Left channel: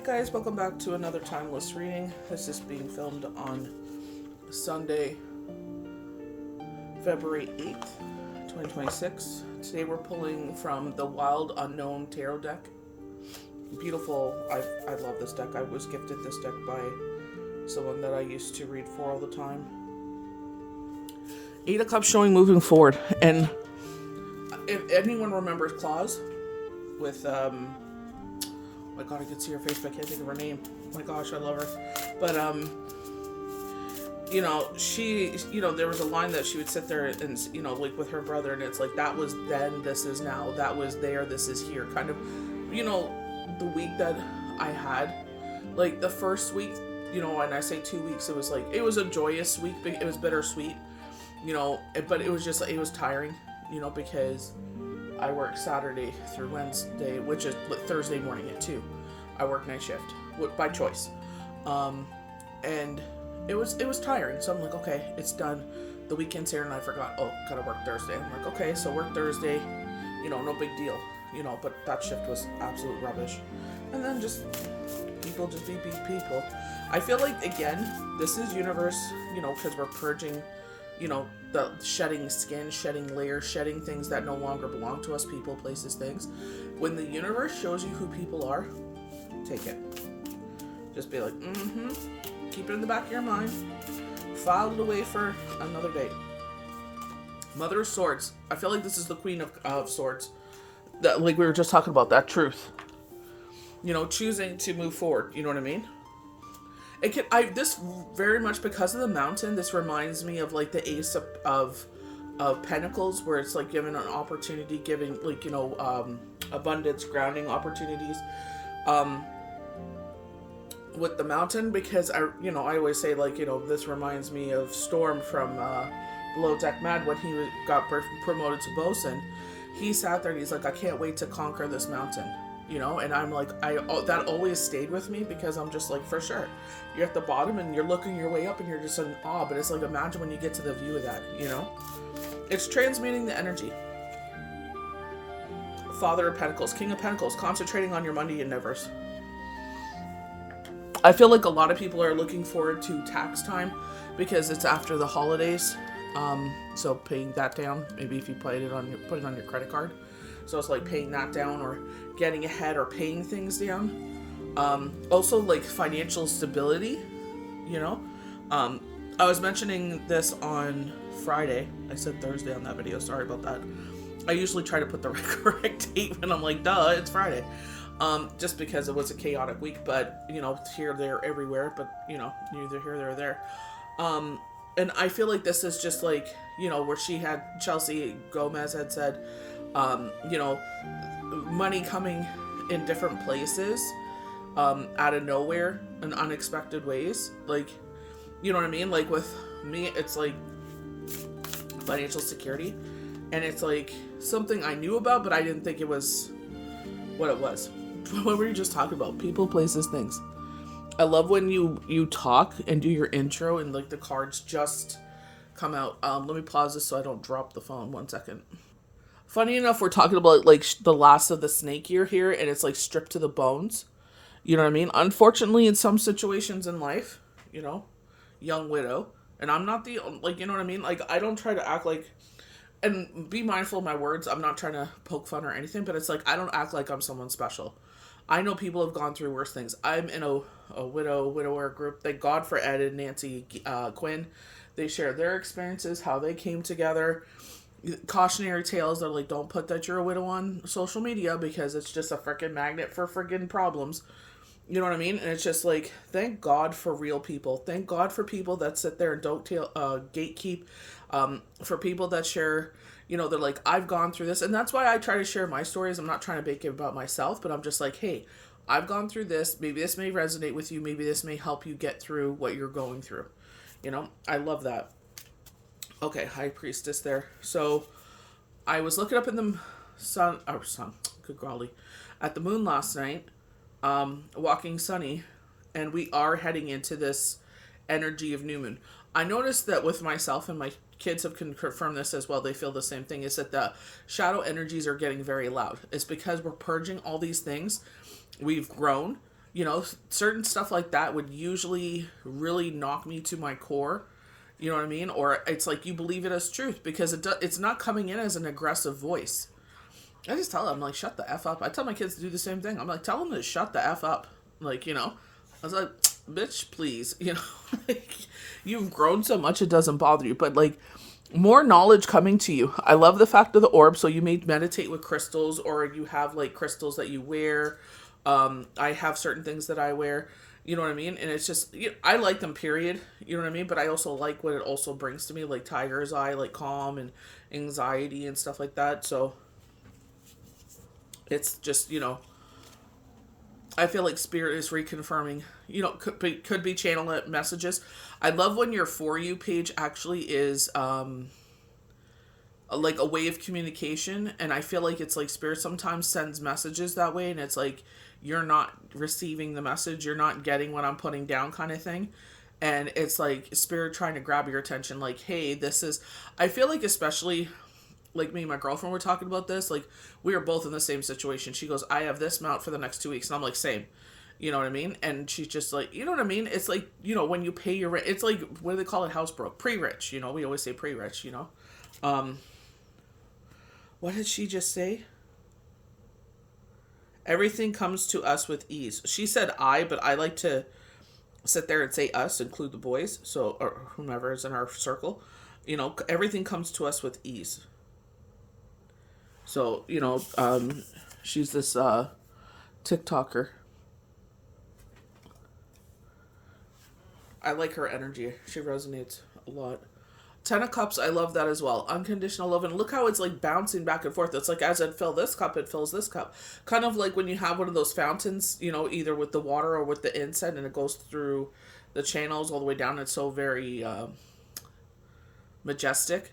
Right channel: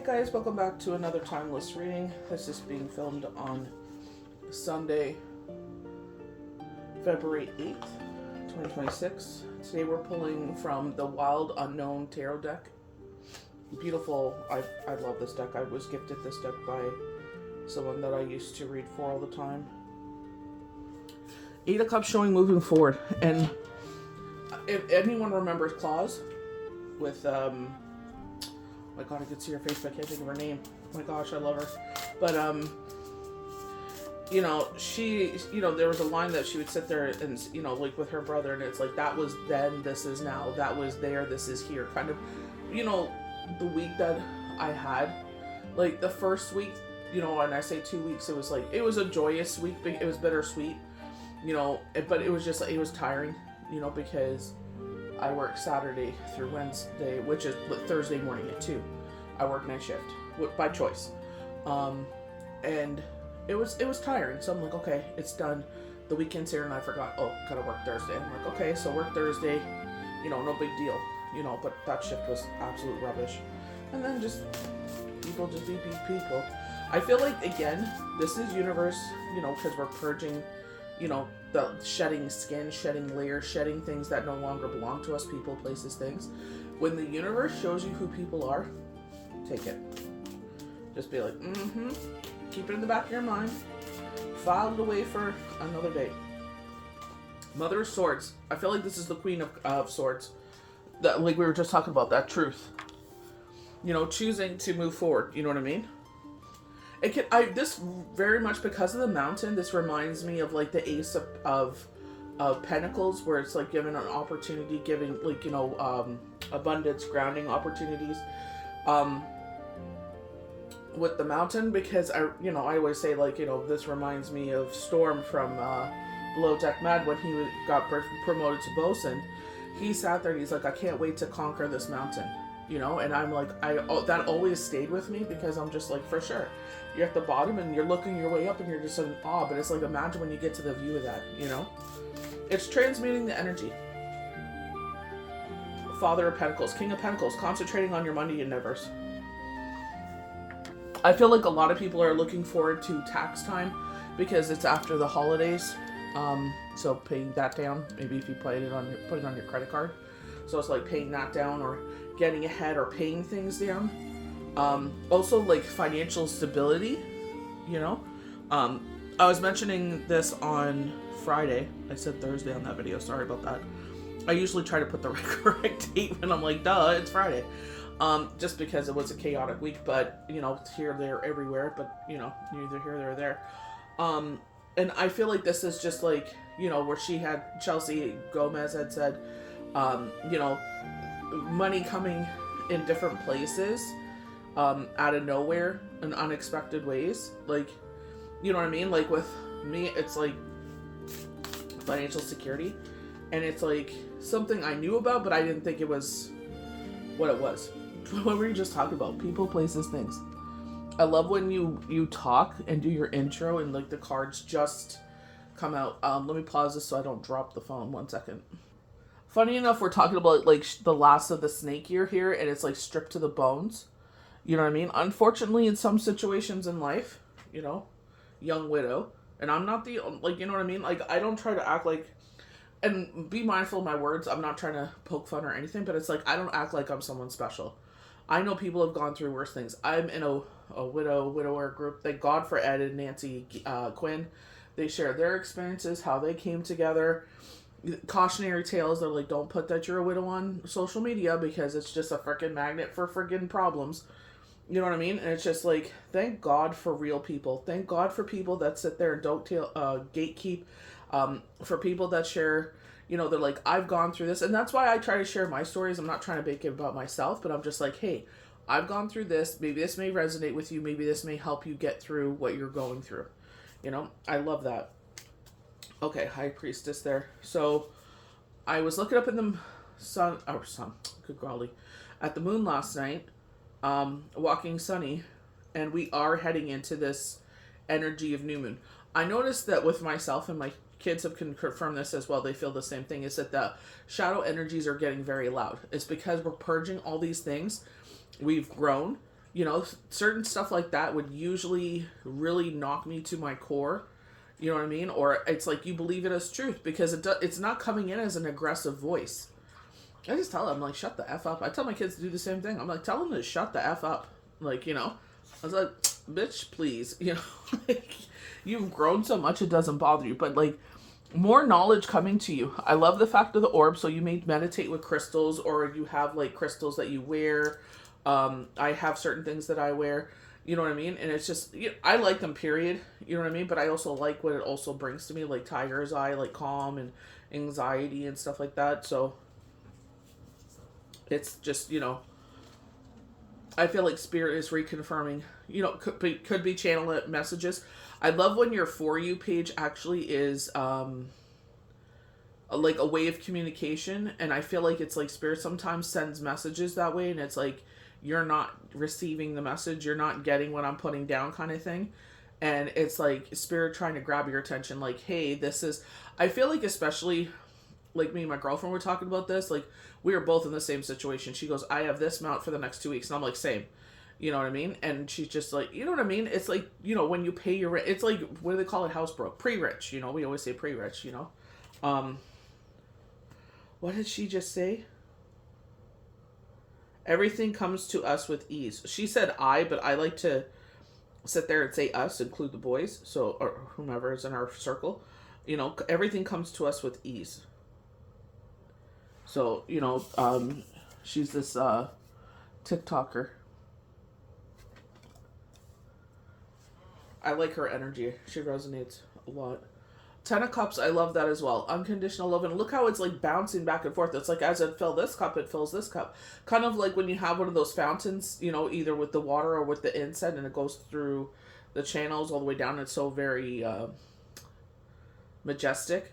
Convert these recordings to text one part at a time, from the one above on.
Hi guys, welcome back to another timeless reading. This is being filmed on Sunday, February 8th, 2026. Today we're pulling from the Wild Unknown Tarot deck. Beautiful. I love this deck. I was gifted this deck by someone that I used to read for all the time. Eight of Cups showing moving forward. And if anyone remembers Claus with my god, I can see her face, but I can't think of her name. Oh my gosh, I love her. But she, there was a line that she would sit there and, like with her brother, and it's like, that was then, this is now, that was there, this is here. Kind of, the week that I had, like the first week, and I say 2 weeks, it was like, it was a joyous week, but it was bittersweet, but it was just, it was tiring, because I work Saturday through Wednesday, which is Thursday morning at 2. I work night shift by choice, and it was tiring. So I'm like, okay, it's done. The weekend's here, and I forgot. Oh, gotta work Thursday. I'm like, okay, so work Thursday. No big deal. But that shift was absolute rubbish. And then just people just be people. I feel like, again, this is universe. Because we're purging. The shedding skin, shedding layers, shedding things that no longer belong to us, people, places, things. When the universe shows you who people are, take it. Just be like, keep it in the back of your mind. File it away for another day. Mother of Swords. I feel like this is the Queen of Swords. That, like we were just talking about, that truth. Choosing to move forward. You know what I mean? This very much, because of the mountain, this reminds me of like the Ace of Pentacles, where it's like given an opportunity, giving like, abundance, grounding opportunities, with the mountain, because I always say, like, this reminds me of Storm from Below Deck Mad, when he got promoted to bosun. He sat there and he's like, I can't wait to conquer this mountain, and I'm like, that always stayed with me, because I'm just like, for sure. You're at the bottom and you're looking your way up and you're just in awe, but it's like, imagine when you get to the view of that, It's transmuting the energy. Father of Pentacles, King of Pentacles, concentrating on your money endeavors. I feel like a lot of people are looking forward to tax time because it's after the holidays. So paying that down, maybe if you put it on your credit card. So it's like paying that down, or getting ahead, or paying things down. Also like financial stability, I was mentioning this on Friday. I said Thursday on that video. Sorry about that. I usually try to put the correct date when I'm like, duh, it's Friday. Just because it was a chaotic week, but here, there, everywhere, but neither here nor there. And I feel like this is just like, where Chelsea Gomez had said, money coming in different places, out of nowhere, in unexpected ways. Like, you know what I mean? Like with me, it's like financial security, and it's like something I knew about, but I didn't think it was what it was. What were you just talking about? People, places, things. I love when you talk and do your intro and like the cards just come out. Let me pause this so I don't drop the phone. 1 second. Funny enough, we're talking about like the last of the snake year here, and it's like stripped to the bones. You know what I mean? Unfortunately, in some situations in life, young widow, and I'm not the, like, you know what I mean? Like, I don't try to act like, and be mindful of my words. I'm not trying to poke fun or anything, but it's like, I don't act like I'm someone special. I know people have gone through worse things. I'm in a widower group. Thank God for Ed and Nancy Quinn. They share their experiences, how they came together. Cautionary tales. They're like, don't put that you're a widow on social media, because it's just a freaking magnet for freaking problems. You know what I mean? And it's just like, thank God for real people. Thank God for people that sit there and don't gatekeep. For people that share, they're like, I've gone through this. And that's why I try to share my stories. I'm not trying to make it about myself, but I'm just like, hey, I've gone through this. Maybe this may resonate with you. Maybe this may help you get through what you're going through. I love that. Okay, High Priestess there. So I was looking up in the good golly, at the moon last night, walking sunny, and we are heading into this energy of new moon. I noticed that with myself, and my kids have confirmed this as well, they feel the same thing, is that the shadow energies are getting very loud. It's because we're purging all these things. We've grown, Certain stuff like that would usually really knock me to my core. You know what I mean? Or it's like you believe it as truth because it's not coming in as an aggressive voice. I just tell them, like, shut the F up. I tell my kids to do the same thing. I'm like, tell them to shut the F up. Like, I was like, bitch, please. Like, you've grown so much it doesn't bother you. But, like, more knowledge coming to you. I love the fact of the orb. So you may meditate with crystals or you have, like, crystals that you wear. I have certain things that I wear. You know what I mean? And it's just, I like them, period. You know what I mean? But I also like what it also brings to me, like tiger's eye, like calm and anxiety and stuff like that. So it's just, I feel like spirit is reconfirming, could be channel messages. I love when your For You page actually is like a way of communication. And I feel like it's like spirit sometimes sends messages that way. And it's like, you're not receiving the message. You're not getting what I'm putting down kind of thing. And it's like spirit trying to grab your attention. Like, hey, I feel like especially like me and my girlfriend were talking about this. Like we were both in the same situation. She goes, I have this mount for the next 2 weeks. And I'm like, same. You know what I mean? And she's just like, you know what I mean? It's like, when you pay your rent, it's like, what do they call it? House broke. Pre-rich, we always say pre-rich, What did she just say? Everything comes to us with ease. She said I, but I like to sit there and say us, include the boys, so or whomever is in our circle. Everything comes to us with ease. So, she's this TikToker. I like her energy. She resonates a lot. Ten of Cups, I love that as well. Unconditional love. And look how it's like bouncing back and forth. It's like as it fill this cup, it fills this cup. Kind of like when you have one of those fountains, either with the water or with the inset, and it goes through the channels all the way down. It's so very majestic.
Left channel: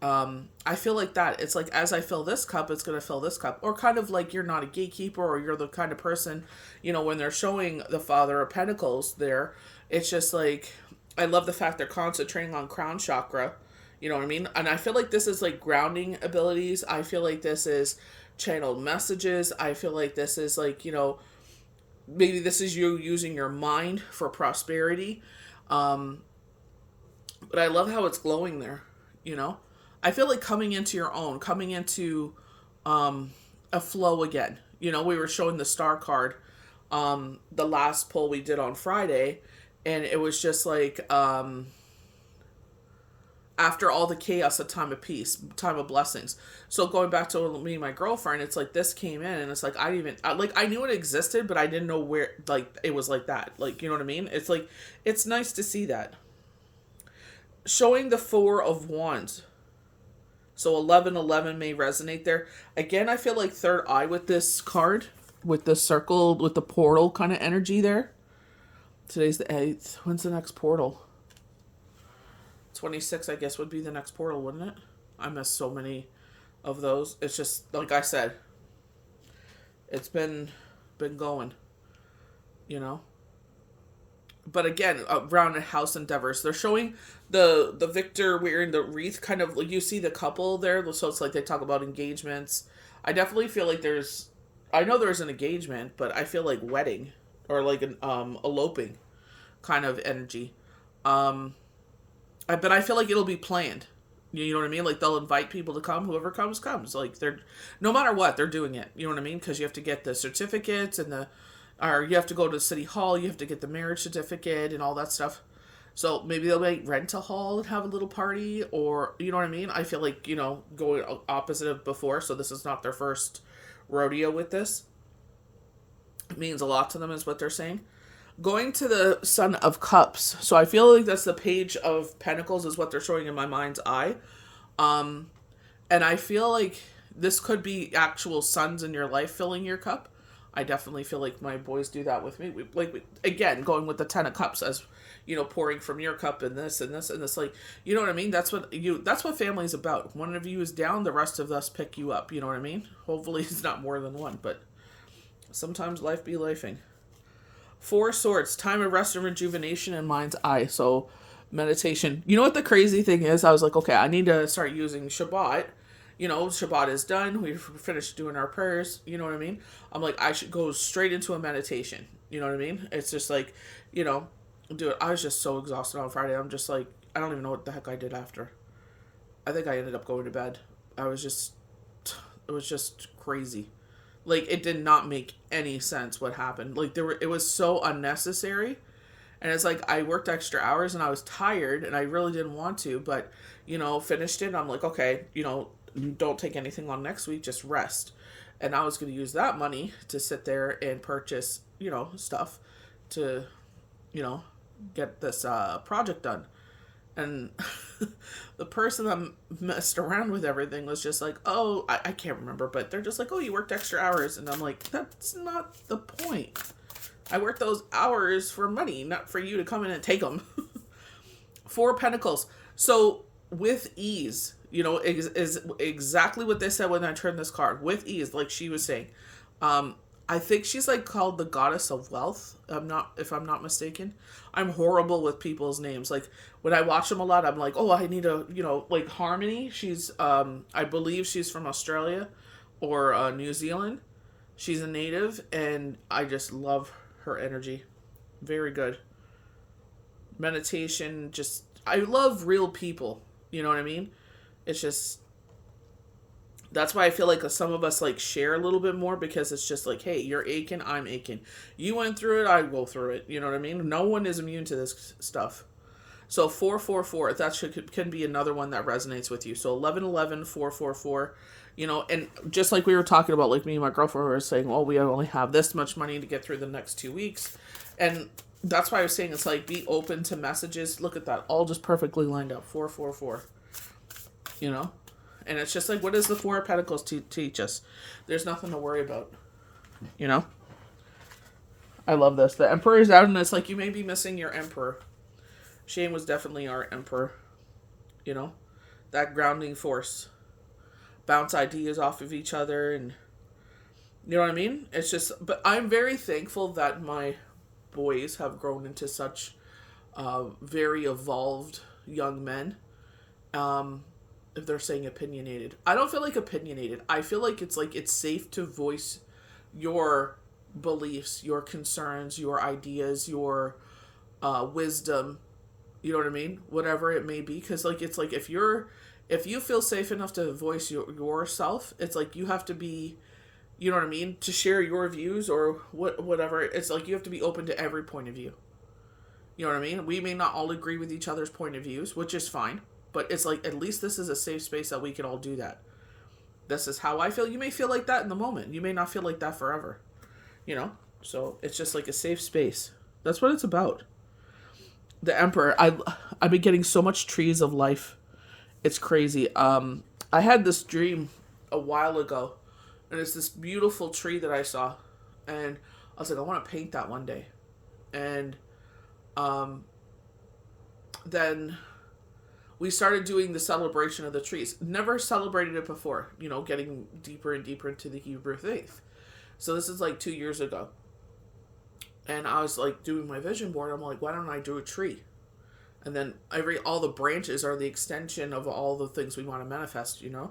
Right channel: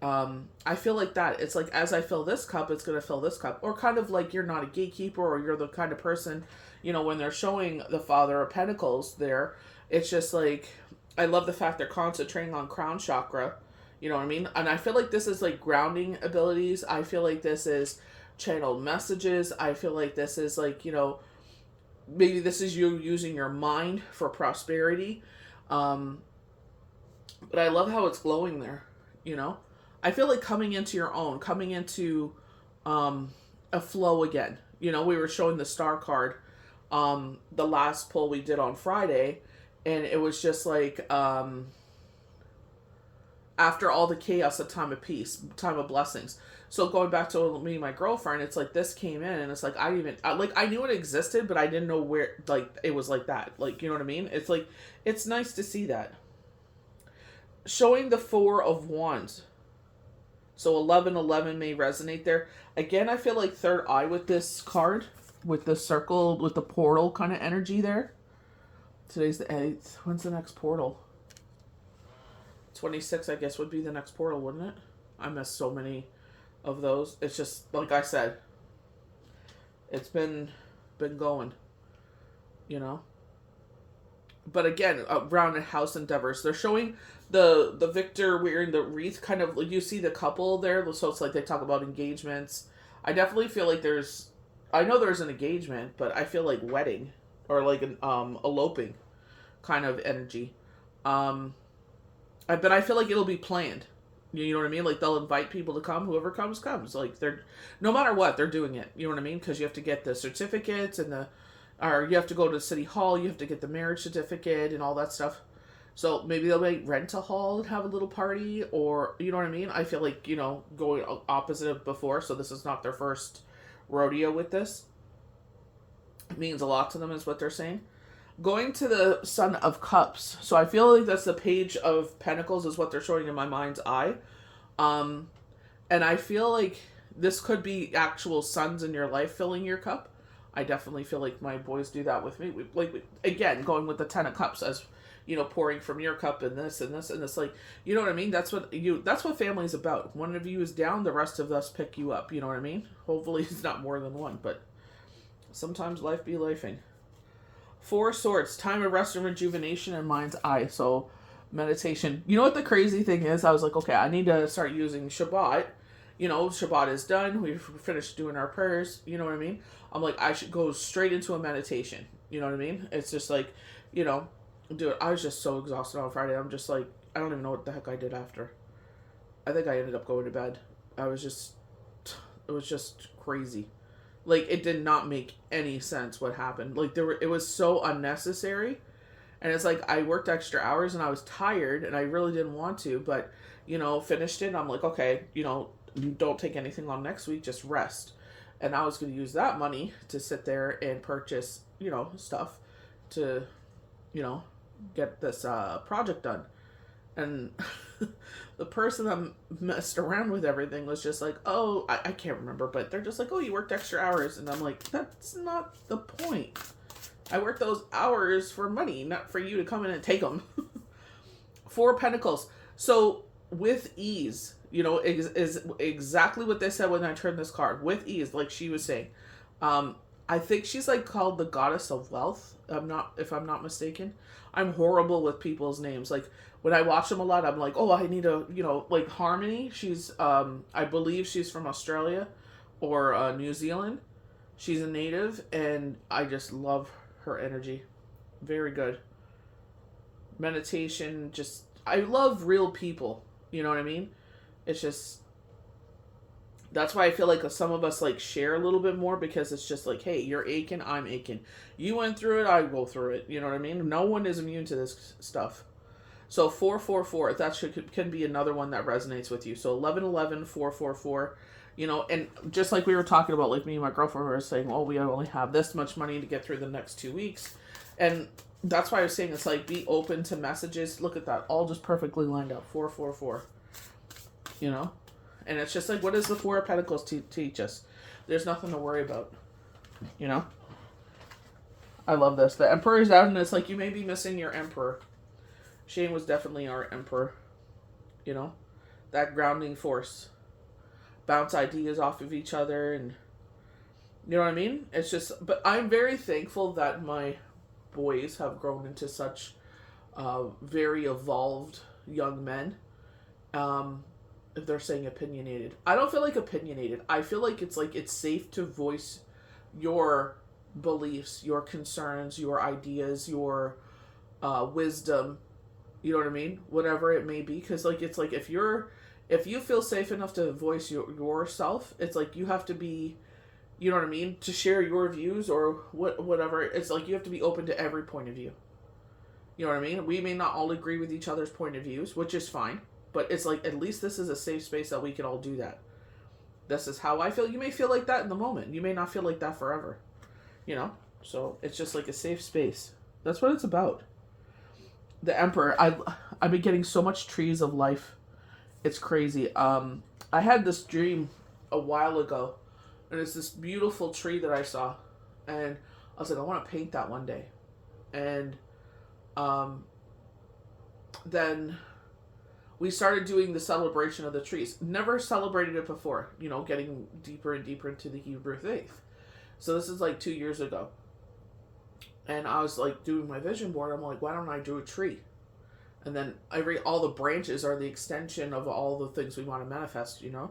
I feel like that. It's like as I fill this cup, it's going to fill this cup. Or kind of like you're not a gatekeeper or you're the kind of person, when they're showing the Father of Pentacles there, it's just like, I love the fact they're concentrating on crown chakra. You know what I mean? And I feel like this is like grounding abilities. I feel like this is channeled messages. I feel like this is like, maybe this is you using your mind for prosperity. But I love how it's glowing there, I feel like coming into your own, coming into a flow again. We were showing the star card the last poll we did on Friday. And it was just like, after all the chaos, a time of peace, time of blessings. So going back to me and my girlfriend, it's like this came in and it's like, I knew it existed, but I didn't know where, like, it was like that. Like, you know what I mean? It's like, it's nice to see that. Showing the Four of Wands. So 1111 may resonate there. Again, I feel like third eye with this card, with the circle, with the portal kind of energy there. Today's the 8th. When's the next portal? 26, I guess, would be the next portal, wouldn't it? I missed so many of those. It's just, like I said, it's been going, But again, around house endeavors, they're showing the victor wearing the wreath, kind of, like you see the couple there, so it's like they talk about engagements. I definitely feel like I know there's an engagement, but I feel like wedding. Or like an eloping kind of energy. But I feel like it'll be planned. You know what I mean? Like they'll invite people to come. Whoever comes. Like no matter what, they're doing it. You know what I mean? Because you have to get the certificates or you have to go to City Hall. You have to get the marriage certificate and all that stuff. So maybe they'll rent a hall and have a little party, or you know what I mean? I feel like going opposite of before. So this is not their first rodeo with this. It means a lot to them is what they're saying. Going to the Son of Cups. So I feel like that's the Page of Pentacles is what they're showing in my mind's eye. And I feel like this could be actual sons in your life filling your cup. I definitely feel like my boys do that with me. Again, going with the Ten of Cups as, pouring from your cup and this and this and this. Like, you know what I mean? That's what family's about. One of you is down, the rest of us pick you up. You know what I mean? Hopefully it's not more than one, but sometimes life be lifing. Four Swords, time of rest and rejuvenation in mind's eye. So meditation. You know what the crazy thing is? I was like, okay, I need to start using Shabbat. Shabbat is done. We've finished doing our prayers. You know what I mean? I'm like, I should go straight into a meditation. You know what I mean? It's just like, you know, dude, I was just so exhausted on Friday. I'm just like, I don't even know what the heck I did after. I think I ended up going to bed. I was just, it was just crazy. Like, it did not make any sense what happened. Like, it was so unnecessary. And it's like, I worked extra hours and I was tired and I really didn't want to, but, you know, finished it. I'm like, okay, you know, don't take anything on next week, just rest. And I was going to use that money to sit there and purchase, you know, stuff to, you know, get this project done. And the person that messed around with everything was just like, oh, I can't remember, but they're just like, oh, you worked extra hours. And I'm like, that's not the point. I worked those hours for money, not for you to come in and take them. Four of Pentacles. So with ease, you know, is exactly what they said when I turned this card. With ease, like she was saying. I think she's like called the goddess of wealth. If I'm not mistaken. I'm horrible with people's names. Like when I watch them a lot, I'm like, oh, I need a, you know, like Harmony. She's, I believe she's from Australia or New Zealand. She's a native, and I just love her energy. Very good. Meditation, just, I love real people. You know what I mean? It's just, that's why I feel like some of us like share a little bit more, because it's just like, hey, you're aching, I'm aching. You went through it, I go through it. You know what I mean? No one is immune to this stuff. So 444, that can be another one that resonates with you. So 1111, 444, you know, and just like we were talking about, like me and my girlfriend were saying, well, we only have this much money to get through the next 2 weeks. And that's why I was saying it's like, be open to messages. Look at that. All just perfectly lined up. 444, you know? And it's just like, what does the Four of Pentacles teach us? There's nothing to worry about, you know? I love this. The Emperor is out, and it's like, you may be missing your Emperor. Shane was definitely our Emperor, you know? That grounding force. Bounce ideas off of each other, and you know what I mean? It's just, but I'm very thankful that my boys have grown into such very evolved young men. If they're saying opinionated, I don't feel like opinionated. I feel like it's safe to voice your beliefs, your concerns, your ideas, your wisdom. You know what I mean? Whatever it may be, because like it's like if you feel safe enough to voice yourself, it's like you have to be, you know what I mean, to share your views or whatever. It's like you have to be open to every point of view. You know what I mean? We may not all agree with each other's point of views, which is fine. But it's like, at least this is a safe space that we can all do that. This is how I feel. You may feel like that in the moment. You may not feel like that forever. You know? So it's just like a safe space. That's what it's about. The Emperor. I've been getting so much trees of life. It's crazy. I had this dream a while ago. And it's this beautiful tree that I saw. And I was like, I want to paint that one day. And then we started doing the celebration of the trees. Never celebrated it before, you know, getting deeper and deeper into the Hebrew faith. So this is like 2 years ago. And I was like doing my vision board. I'm like, why don't I do a tree? And then all the branches are the extension of all the things we want to manifest, you know,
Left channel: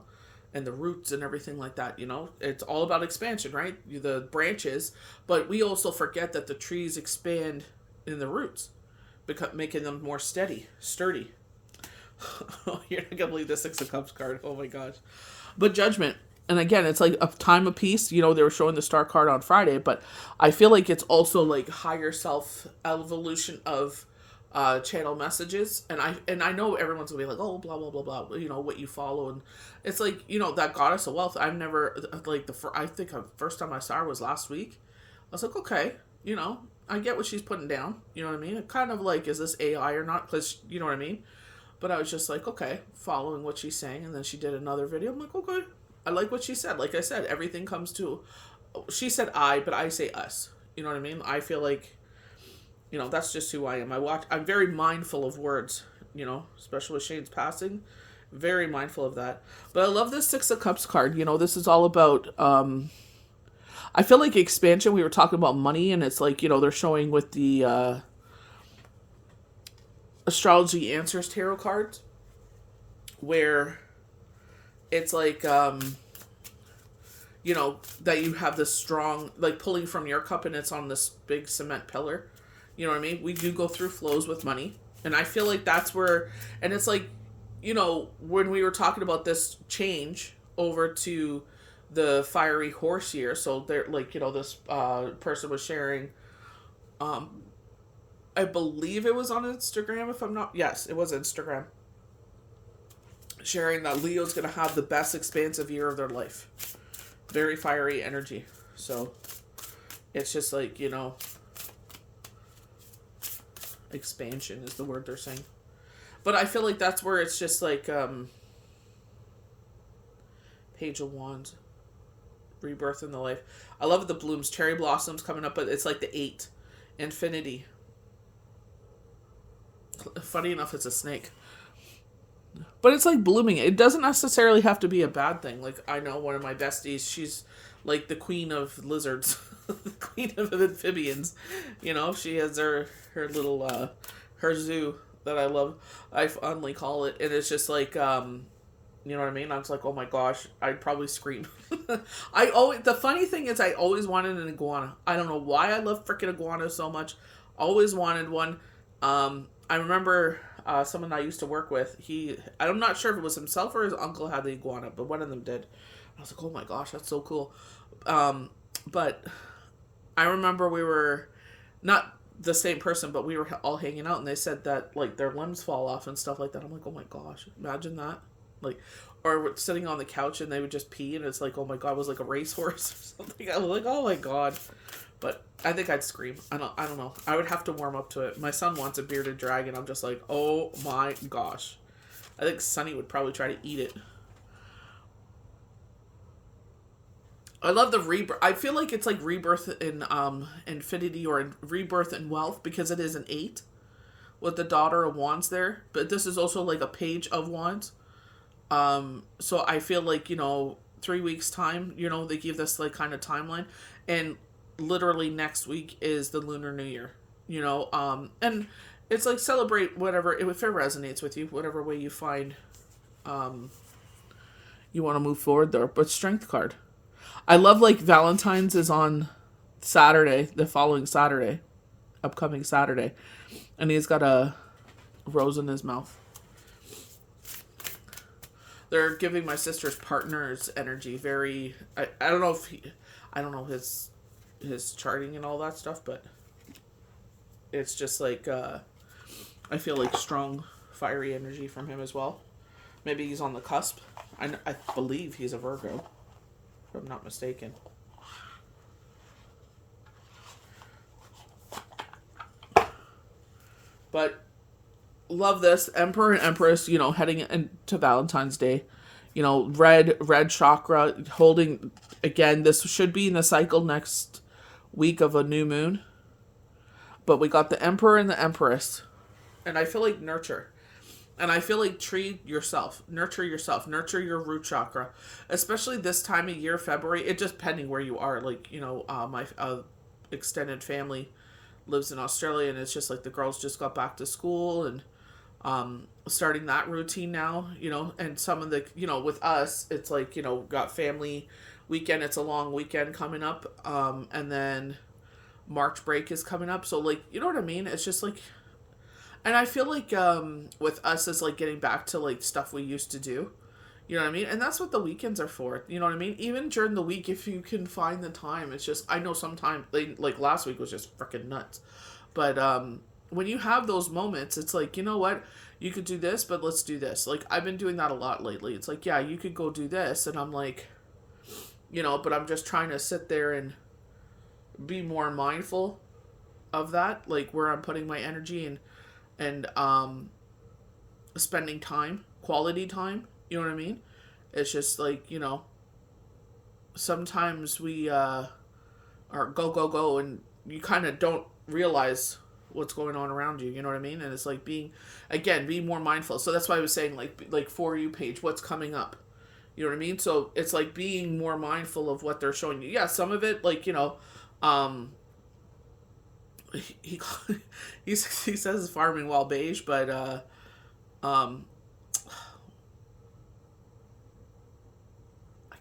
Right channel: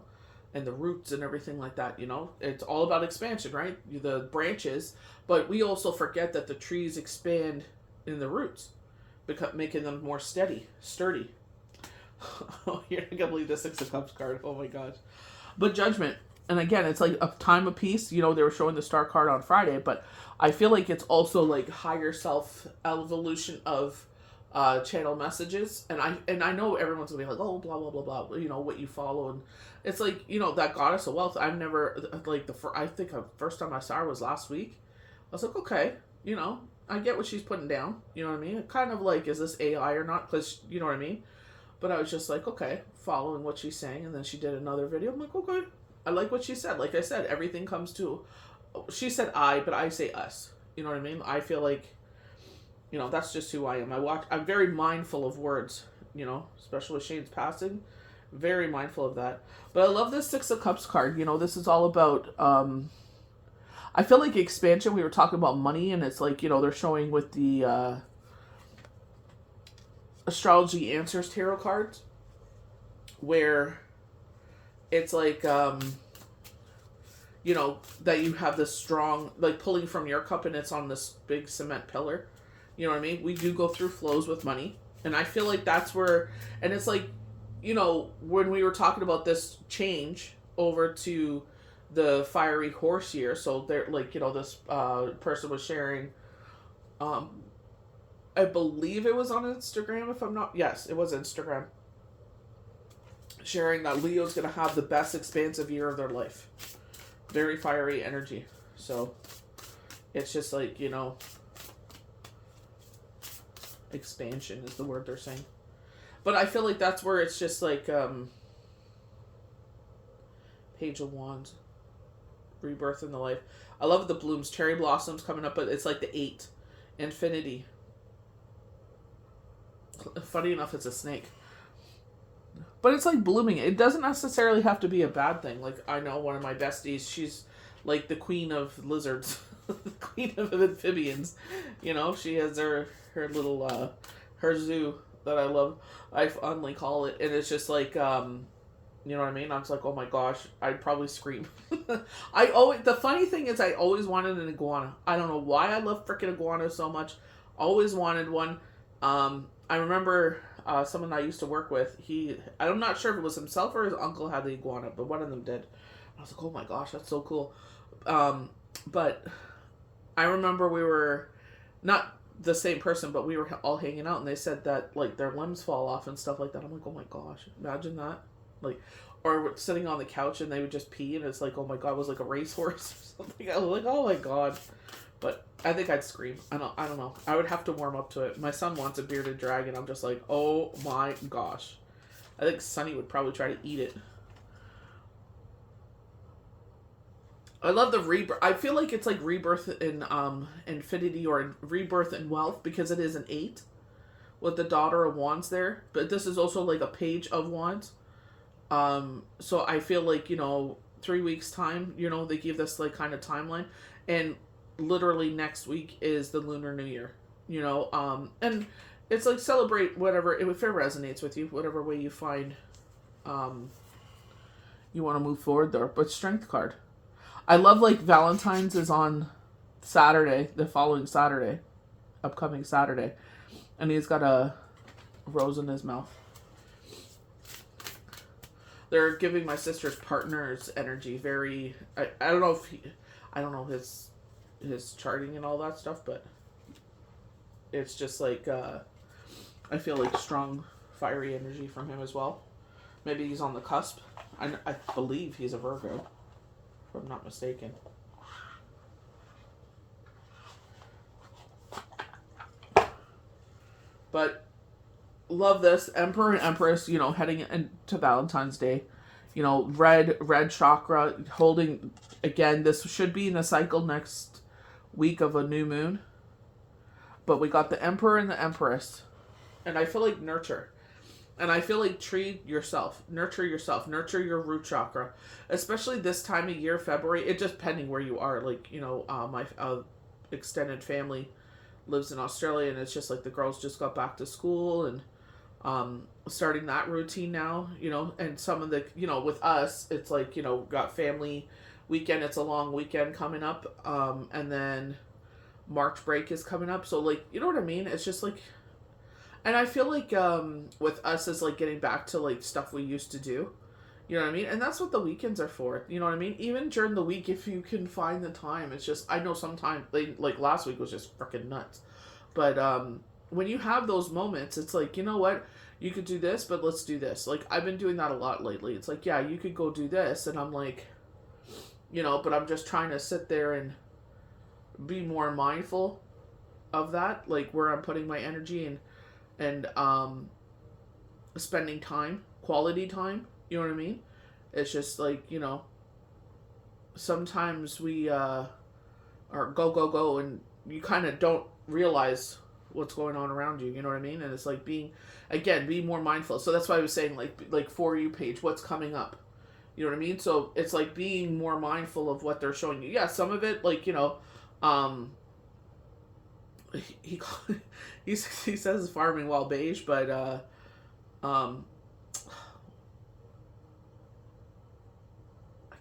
and the roots and everything like that, you know. It's all about expansion, right? The branches, but we also forget that the trees expand in the roots, making them more sturdy. You're not gonna believe the Six of Cups card. Oh my gosh. But Judgment. And again, it's like a time of peace. You know, they were showing the Star card on Friday, but I feel like it's also like higher self evolution of channel messages. And I know everyone's gonna be like, oh, blah blah blah blah. You know what you follow, and it's like, you know, that goddess of wealth. I've never like I think the first time I saw her was last week. I was like, okay, you know, I get what she's putting down. You know what I mean? Kind of like, is this AI or not? Because you know what I mean. But I was just like, okay, following what she's saying. And then she did another video. I'm like, okay, I like what she said. Like I said, everything comes to, she said I, but I say us. You know what I mean? I feel like, you know, that's just who I am. I'm very mindful of words, you know, especially with Shane's passing. Very mindful of that. But I love this Six of Cups card. You know, this is all about, I feel like expansion. We were talking about money, and it's like, you know, they're showing with the, Astrology Answers tarot cards, where it's like that you have this strong, like pulling from your cup and it's on this big cement pillar. You know what I mean? We do go through flows with money. And I feel like that's where, and it's like, when we were talking about this change over to the fiery horse year, so they're like, this person was sharing, I believe it was on Instagram, if I'm not, yes, it was Instagram, sharing that Leo's going to have the best expansive year of their life. Very fiery energy. So it's just like, expansion is the word they're saying. But I feel like that's where it's just like Page of Wands, rebirth in the life. I love the blooms, cherry blossoms coming up, but it's like the 8, infinity. Funny enough, it's a snake. But it's like blooming. It doesn't necessarily have to be a bad thing. Like, I know one of my besties, she's like the queen of lizards, the queen of amphibians. She has her little, her zoo that I love. I fondly call it. And it's just like, you know what I mean? I was like, oh my gosh, I'd probably scream. The funny thing is I always wanted an iguana. I don't know why I love freaking iguanas so much. Always wanted one. I remember someone I used to work with, I'm not sure if it was himself or his uncle had the iguana, but one of them did. I was like, oh my gosh, that's so cool. But I remember we were, not the same person, but we were all hanging out and they said that like their limbs fall off and stuff like that. I'm like, oh my gosh, imagine that. Like, or we're sitting on the couch and they would just pee and it's like, oh my god, it was like a racehorse or something. I was like, oh my god. But I think I'd scream. I don't know. I would have to warm up to it. My son wants a bearded dragon. I'm just like, oh my gosh. I think Sonny would probably try to eat it. I love the rebirth. I feel like it's like rebirth in infinity or rebirth in wealth because it is an 8 with the daughter of wands there. But this is also like a page of wands. So I feel like, 3 weeks time, they give this like kind of timeline, and literally next week is the Lunar New Year, and it's like celebrate whatever, if it resonates with you, whatever way you find, you want to move forward there. But strength card. I love like Valentine's is on Saturday, the following Saturday, upcoming Saturday, and he's got a rose in his mouth. They're giving my sister's partner's energy very, I don't know if I don't know his charting and all that stuff, but it's just like, I feel like strong, fiery energy from him as well. Maybe he's on the cusp. I believe he's a Virgo, if I'm not mistaken. But love this Emperor and Empress, heading into Valentine's Day, red chakra holding, again, this should be in the cycle next week of a new moon, but we got the Emperor and the Empress, and I feel like nurture, and I feel like treat yourself, nurture your root chakra, especially this time of year, February. It just pending where you are, like, my extended family lives in Australia, and it's just like the girls just got back to school and starting that routine now, and some of the, with us, it's like, got family weekend, it's a long weekend coming up, and then March break is coming up, so like, you know what I mean? It's just like, and I feel like with us is like getting back to like stuff we used to do, you know what I mean? And that's what the weekends are for, you know what I mean? Even during the week, if you can find the time, it's just, I know sometimes, like last week was just freaking nuts, but when you have those moments, it's like, you know what, you could do this, but let's do this. Like, I've been doing that a lot lately. It's like, yeah, you could go do this, and I'm like, but I'm just trying to sit there and be more mindful of that, like where I'm putting my energy and spending time, quality time, you know what I mean? It's just like, sometimes we are go, and you kind of don't realize what's going on around you, you know what I mean? And it's like being more mindful. So that's why I was saying, like For You page, what's coming up, you know what I mean? So it's like being more mindful of what they're showing you. Yeah, some of it, like, he he says farming while beige, but I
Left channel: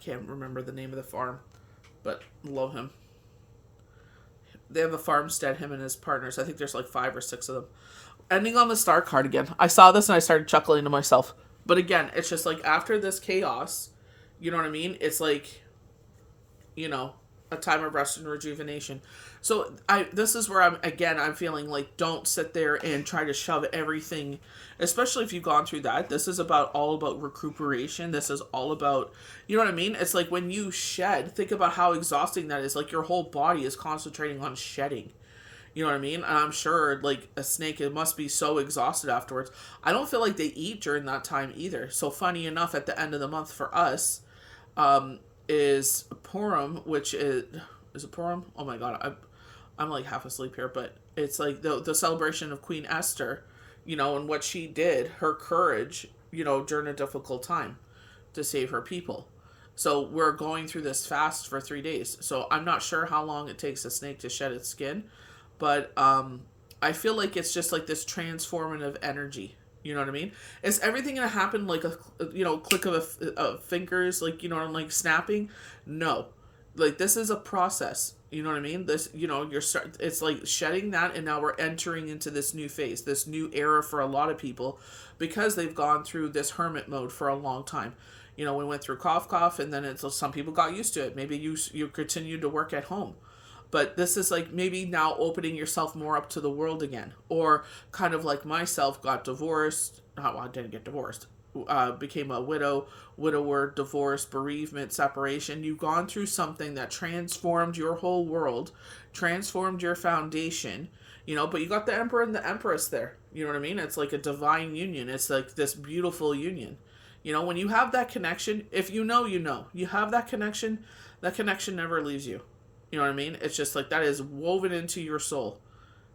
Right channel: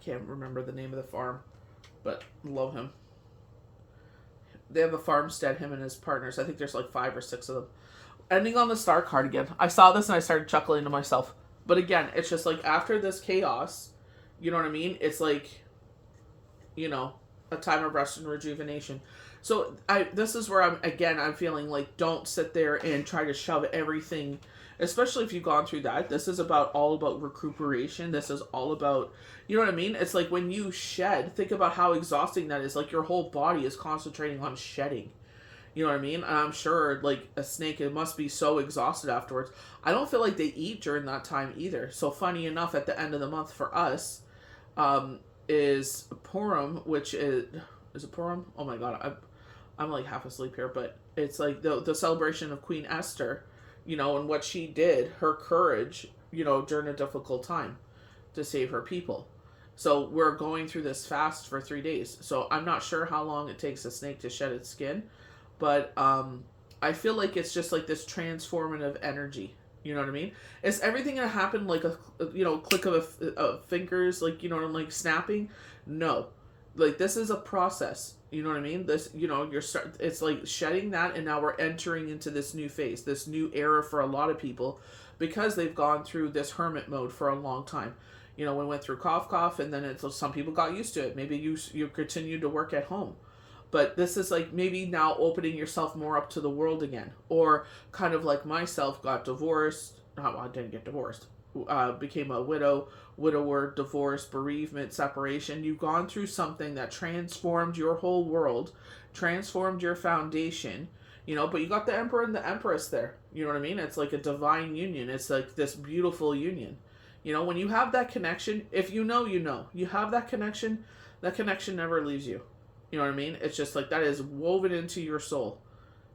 can't remember the name of the farm. but love him. They have a farmstead, him and his partners. I think there's like 5 or 6 of them. Ending on the star card again. I saw this and I started chuckling to myself. But again, it's just like after this chaos, you know what I mean? It's like, you know, a time of rest and rejuvenation. So this is where I'm feeling like don't sit there and try to shove everything, especially if you've gone through that. This is all about recuperation. This is all about, you know what I mean? It's like when you shed, think about how exhausting that is. Like your whole body is concentrating on shedding. You know what I mean? And I'm sure, like, a snake, it must be so exhausted afterwards. I don't feel like they eat during that time either. So, funny enough, at the end of the month for us, is Purim, which is it Purim? Oh my god, I'm like half asleep here, but it's like the celebration of Queen Esther, you know, and what she did, her courage, you know, during a difficult time to save her people. So we're going through this fast for 3 days. So I'm not sure how long it takes a snake to shed its skin, but I feel like it's just like this transformative energy. You know what I mean? Is everything gonna happen like a click of fingers, like, you know, like snapping? No, like this is a process. You know what I mean? This, you know, it's like shedding that, and now we're entering into this new phase, this new era for a lot of people, because they've gone through this hermit mode for a long time. You know, we went through cough, and then some people got used to it. Maybe you continued to work at home. But this is like maybe now opening yourself more up to the world again. Or kind of like myself, got divorced. Well, I didn't get divorced. Became a widower, divorce, bereavement, separation. You've gone through something that transformed your whole world, transformed your foundation, you know, but you got the emperor and the empress there. You know what I mean? It's like a divine union. It's like this beautiful union. You know, when you have that connection, if you know, you have that connection never leaves you. You know what I mean? It's just like that is woven into your soul.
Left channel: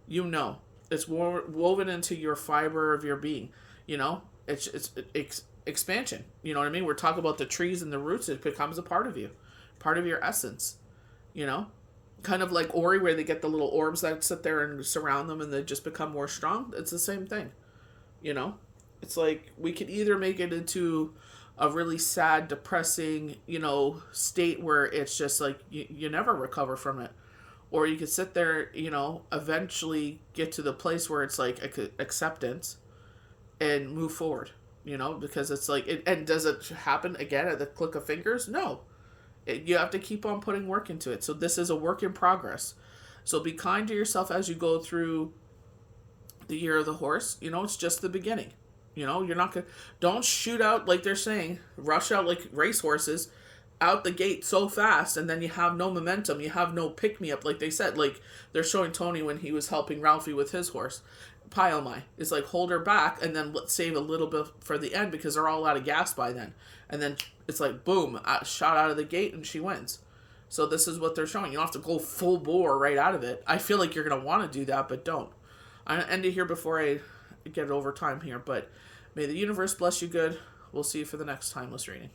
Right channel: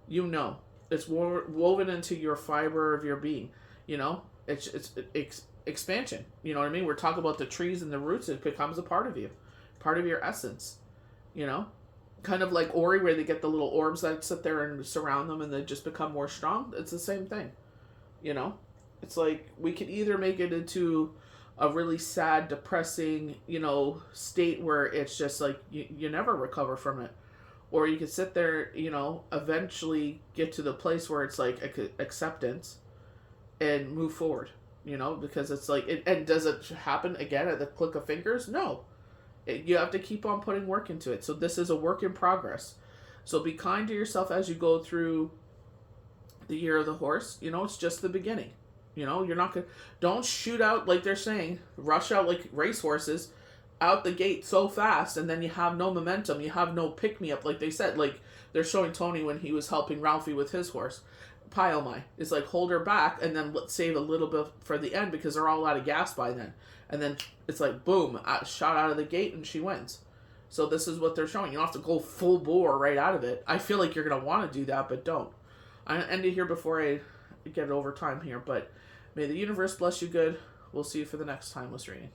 You know, it's woven into your fiber of your being. You know, it's expansion. You know what I mean? We're talking about the trees and the roots. It becomes a part of you, part of your essence. You know, kind of like Ori, where they get the little orbs that sit there and surround them, and they just become more strong. It's the same thing. You know, it's like we could either make it into a really sad, depressing, you know, state where it's just like you never recover from it. Or you could sit there, you know, eventually get to the place where it's like acceptance and move forward, you know, because it's like, and does it happen again at the click of fingers? No. You have to keep on putting work into it. So this is a work in progress. So be kind to yourself as you go through the year of the horse. You know, it's just the beginning. You know, you're not gonna, don't shoot out like they're saying, rush out like racehorses out the gate so fast, and then you have no momentum, you have no pick me up, like they said, like they're showing Tony when he was helping Ralphie with his horse. Pyomai is like, hold her back and then let's save a little bit for the end because they're all out of gas by then. And then it's like, boom, shot out of the gate and she wins. So this is what they're showing. You don't have to go full bore right out of it. I feel like you're going to want to do that, but don't. I'm going to end it here before I get over time here, but may the universe bless you good. We'll see you for the next timeless reading.